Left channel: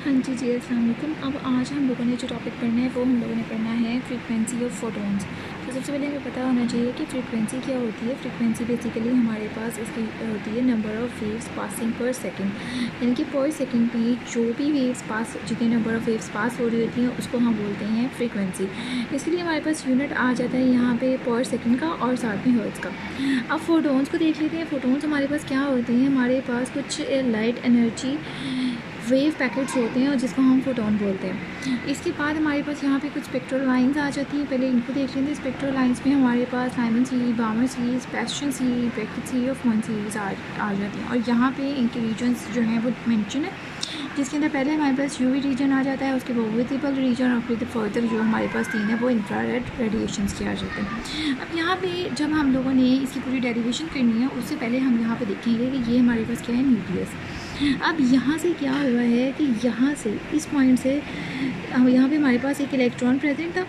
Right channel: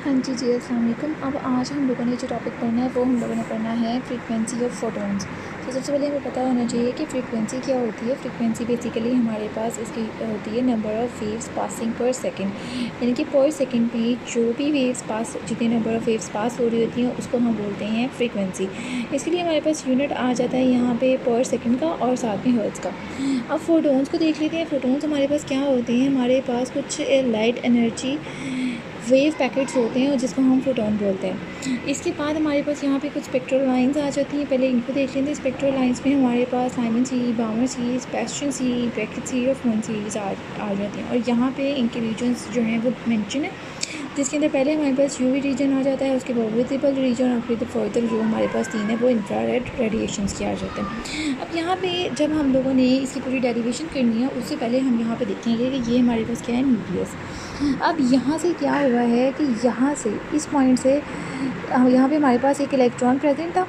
हाँ जी जी, अस्सलाम वालेकुम। अब आज हम लोगों ने जो टॉपिक पढ़ना है वो हम लोगों ने पढ़ना है फ्रीक्वेंसी ऑफ फोटोन्स। तो सबसे पहले हमें पता होना चाहिए कि फ्रीक्वेंसी क्या होती है। फ्रीक्वेंसी बेसिकली हमारे पास इसकी होती है नंबर ऑफ़ वेव्स पासिंग पर सेकंड, यानी कि पर सेकंड में जो भी वेव्स पास, जितने नंबर ऑफ़ वेव्स पास हो रही होती हैं उसको हम बोलते हैं फ्रीक्वेंसी। इसके लिए हमारे पास यूनिट आ जाता है यहाँ पे पर सेकंड का और साथ में हर्ट्ज़ का। अब फोटोन्स को देख लेते हैं। फोटोन्स हमारे पास क्या होते हैं, हमारे पास कुछ लाइट एनर्जी वेव पैकेट्स होते हैं और जिसको हम फोटोन बोलते हैं। इसके बाद हमारे पास यहाँ पे कुछ स्पेक्ट्रल लाइंस आ जाती हैं। पहले इनको देख लेते हैं। स्पेक्ट्रल लाइंस में हमारे पास Simon series, बामर series, बेस्टन series, bracket series और फोन सीरीज़ आ जाती हैं। और यहाँ पे इनके रीजन्स जो हैं वो मेंशन है, जिसके अंदर पहले हमारे पास यूवी रीजन आ जाता है, उसके बाद विजिबल रीजन और फिर फर्दर जो हमारे पास तीन है वो इंफ्रारेड रेडिएशंस के आ जाते हैं। अब यहाँ पे जब हम लोगों ने इसकी पूरी डेरिवेशन करनी है उससे पहले हम यहाँ पे देखेंगे कि ये हमारे पास क्या है, न्यूक्लियस। अब यहाँ से क्या हुआ है कि यहाँ से इस पॉइंट से यहाँ पे हमारे पास एक इलेक्ट्रॉन प्रेजेंट था,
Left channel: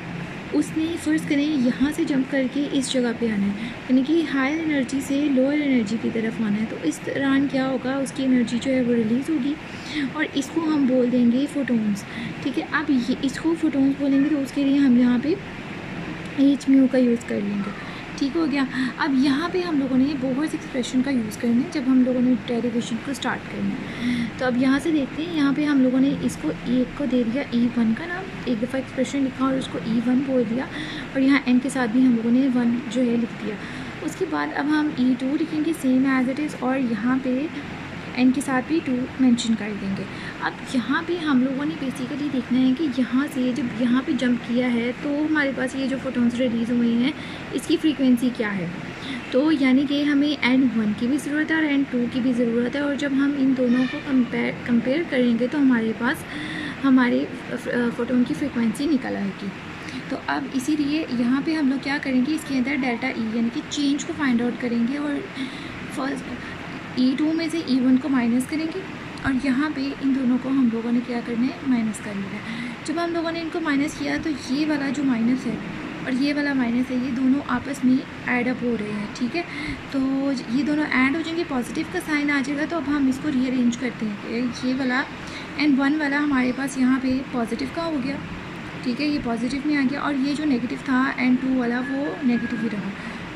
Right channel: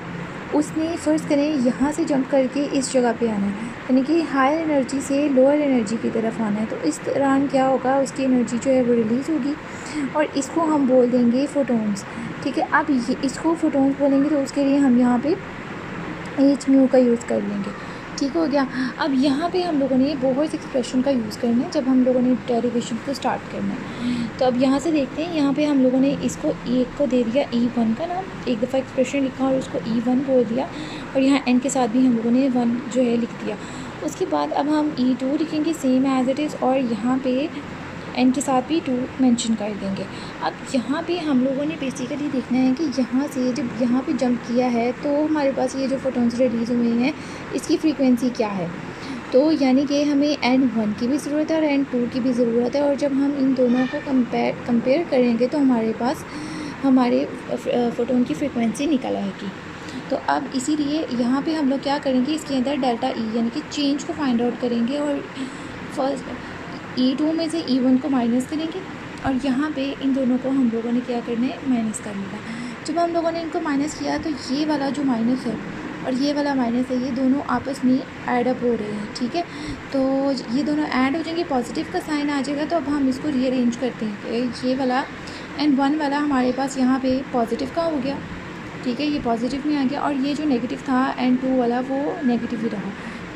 उसने फ़र्ज़ करें यहाँ से जंप करके इस जगह पे आना है, यानी कि हायर एनर्जी से लोअर एनर्जी की तरफ आना है। तो इस दौरान क्या होगा, उसकी एनर्जी जो है वो रिलीज़ होगी और इसको हम बोल देंगे फोटोन्स। ठीक है, अब ये इसको फोटोन्स बोलेंगे तो उसके लिए हम यहाँ पे एच म्यू का यूज़ कर लेंगे। ठीक हो गया। अब यहाँ पे हम लोगों ने बोहर्स एक्सप्रेशन का यूज़ करना है जब हम लोगों ने डेरिवेशन को स्टार्ट करना है। तो अब यहाँ से देखते हैं, यहाँ पे हम लोगों ने इसको एक को दे दिया E1 का नाम, एक दफ़ा एक्सप्रेशन लिखा और उसको E1 बोल दिया और यहाँ n के साथ भी हम लोगों ने 1 जो है लिख दिया। उसके बाद अब हम E2 लिखेंगे सेम एज इट इज़ और यहाँ पे n के साथ भी 2 मेंशन कर देंगे। अब यहाँ पे हम लोगों ने बेसिकली देखना है कि यहाँ से जब यहाँ पे जंप किया है तो हमारे पास ये जो फोटोन्स रिलीज़ हुए हैं इसकी फ्रीक्वेंसी क्या है। तो यानी कि हमें n1 की भी ज़रूरत है और n2 की भी ज़रूरत है, और जब हम इन दोनों को कंपेयर करेंगे तो हमारे पास हमारे फोटोन की फ्रीक्वेंसी निकल आएगी। तो अब इसीलिए यहाँ पे हम लोग क्या करेंगे, इसके अंदर डेल्टा ई यानी कि चेंज को फाइंड आउट करेंगे और फर्स्ट E2 में से E1 को माइनस करेंगे और यहाँ पे इन दोनों को हम लोगों ने क्या करना है, माइनस कर लेना है। जब हम लोगों ने इनको माइनस किया तो ये वाला जो माइनस है और ये वाला माइनस है, ये दोनों आपस में ऐड अप हो रहे हैं। ठीक है, तो ये दोनों ऐड हो जाएंगे, पॉजिटिव का साइन आ जाएगा। तो अब हम इसको रीअरेंज करते हैं। तो ये वाला n1 वाला हमारे पास यहाँ पे पॉजिटिव का हो गया। ठीक है, ये पॉजिटिव में आ गया और ये जो नेगेटिव था n2 वाला वो नेगेटिव ही रहा,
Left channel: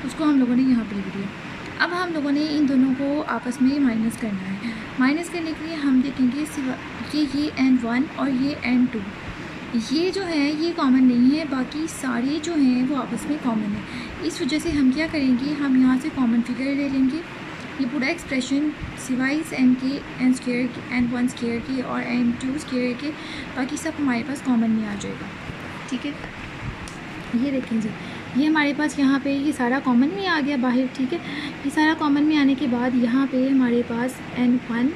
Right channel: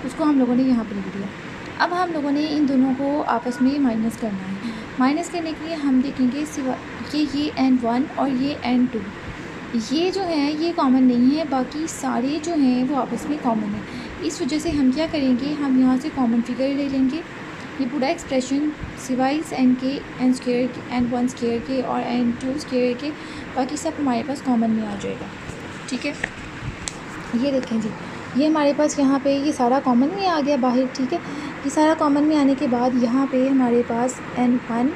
उसको हम लोगों ने यहाँ पर लिख दिया। अब हम लोगों ने इन दोनों को आपस में माइनस करना है। माइनस करने के लिए हम देखेंगे सिवा कि ये n1 और ये n2 ये जो है ये कॉमन नहीं है, बाकी सारे जो हैं वो आपस में कॉमन है। इस वजह से हम क्या करेंगे, हम यहाँ से कॉमन फिगर ले लेंगे। ये पूरा एक्सप्रेशन सिवाय n के, n स्क्वायर के, n1 स्क्वायर के और n2 स्क्वायर के, बाकी सब हमारे पास कॉमन में आ जाएगा। ठीक है, ये देखें जी, ये हमारे पास यहाँ पे ये सारा कॉमन में आ गया बाहर। ठीक है, ये सारा कॉमन में आने के बाद यहाँ पे हमारे पास n1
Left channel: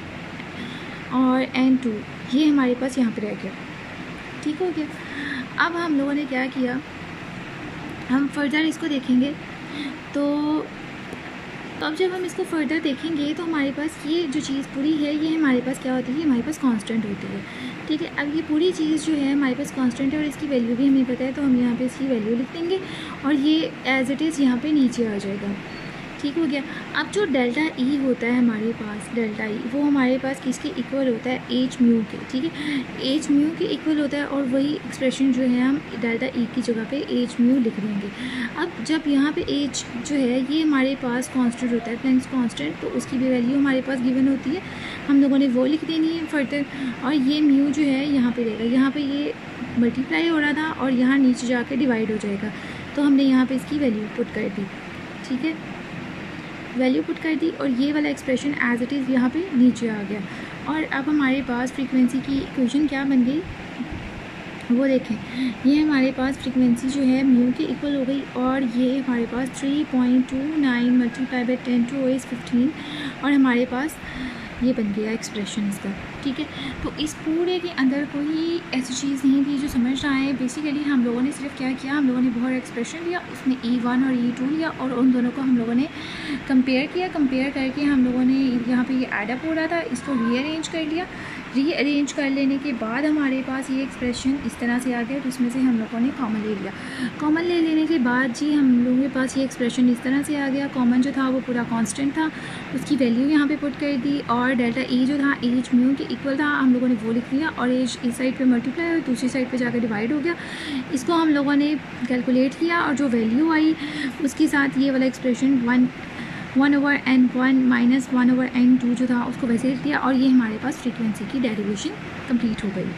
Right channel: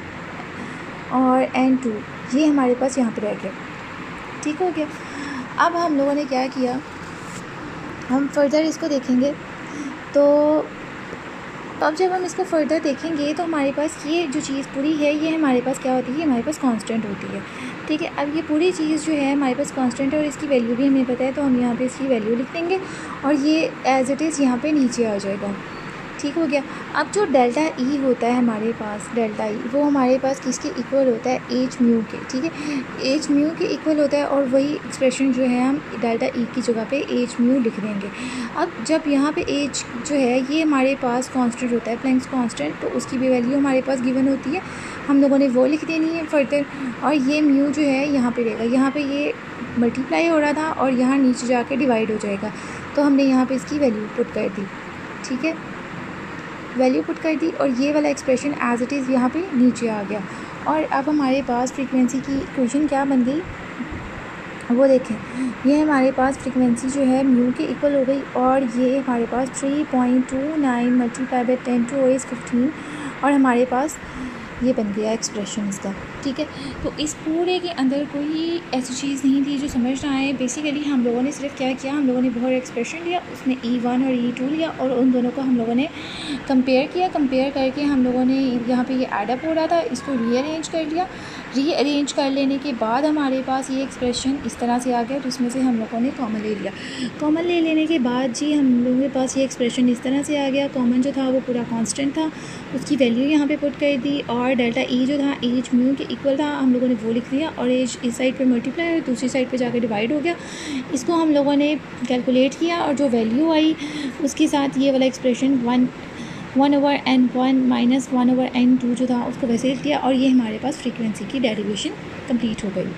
और n2 ये हमारे पास यहाँ पे रह गया। ठीक हो गया। अब हम लोगों ने क्या किया, हम फर्दर इसको देखेंगे। तो अब जब हम इसको फर्दर देखेंगे तो हमारे पास ये जो चीज़ पूरी है ये हमारे पास क्या होती है, हमारे पास कांस्टेंट होती है। ठीक है, अब ये पूरी चीज़ जो है हमारे पास कांस्टेंट है और इसकी वैल्यू भी हमें पता है, तो हम यहाँ पे इसकी वैल्यू लिख देंगे और ये एज इट इज़ यहाँ पे नीचे आ जाएगा। ठीक हो गया। अब जो डेल्टा ई होता है हमारे पास, डेल्टा ई वो हमारे पास किसके इक्वल होता है, एच म्यू के। ठीक है, एच म्यू के इक्वल होता है और वही एक्सप्रेशन जो है हम डेल्टा ई की जगह पे एच म्यू लिख देंगे। अब जब यहाँ पे एच जो है ये हमारे पास कांस्टेंट होता है, प्लैंक्स कांस्टेंट, तो उसकी भी वैल्यू हमारे पास गिवन होती है, हम लोगों ने वो लिख देनी है फर्दर। और ये म्यू जो है यहाँ पर रहेगा, यहाँ पर ये मल्टीप्लाई हो रहा था और यहाँ नीचे जाके डिवाइड हो जाएगा, तो हमने यहाँ पर इसकी वैल्यू पुट कर दी। ठीक है, वैल्यू पुट कर दी और ये वाला एक्सप्रेशन एज इट इज़ यहाँ पे नीचे आ गया। और अब हमारे पास फ्रीक्वेंसी की इक्वेशन क्या बन गई वो देखें, ये हमारे पास फ्रीक्वेंसी जो है म्यू के इक्वल हो गई और ये हमारे पास 3.29 मल्टीप्लाई बाई 10⁻⁻15 और हमारे पास ये बन गया एक्सप्रेशन इसका। ठीक है, तो इस पूरे के अंदर कोई ऐसी चीज़ नहीं थी जो समझ ना आए। बेसिकली हम लोगों ने सिर्फ क्या किया, हम लोगों ने बहुत एक्सप्रेशन लिया, उसमें E1 और E2 लिया और उन दोनों को हम लोगों ने कंपेयर किया। कंपेयर करके हम लोगों ने यहाँ पे ये एडअप हो रहा था, इसको रीअरेंज कर लिया। रीअरेंज कर लेने के बाद हमारे पास ये एक्सप्रेशन इस तरह से आ गया, जिसमें से हम लोगों ने कॉमन ले लिया। कॉमन ले लेने के बाद जी हम लोगों के पास ये एक्सप्रेशन इस तरह से आ गया। कॉमन जो था वो पूरा कांस्टेंट था, उसकी वैल्यू यहाँ पे पुट कर दी और और डेल्टा ई जो था एज म्यू के इक्वल था, हम लोगों ने वो लिख दिया और एज इस साइड पे मल्टीप्लाई और दूसरी साइड पे जाकर डिवाइड हो गया। इसको हम लोगों ने कैलकुलेट किया और जो वैल्यू आई उसके साथ ये वाला एक्सप्रेशन 1/n1 माइनस 1/n2 जो था उसको वैसे लिख दिया और ये हमारे पास फ्रीक्वेंसी की डेरिवेशन कंप्लीट हो गई।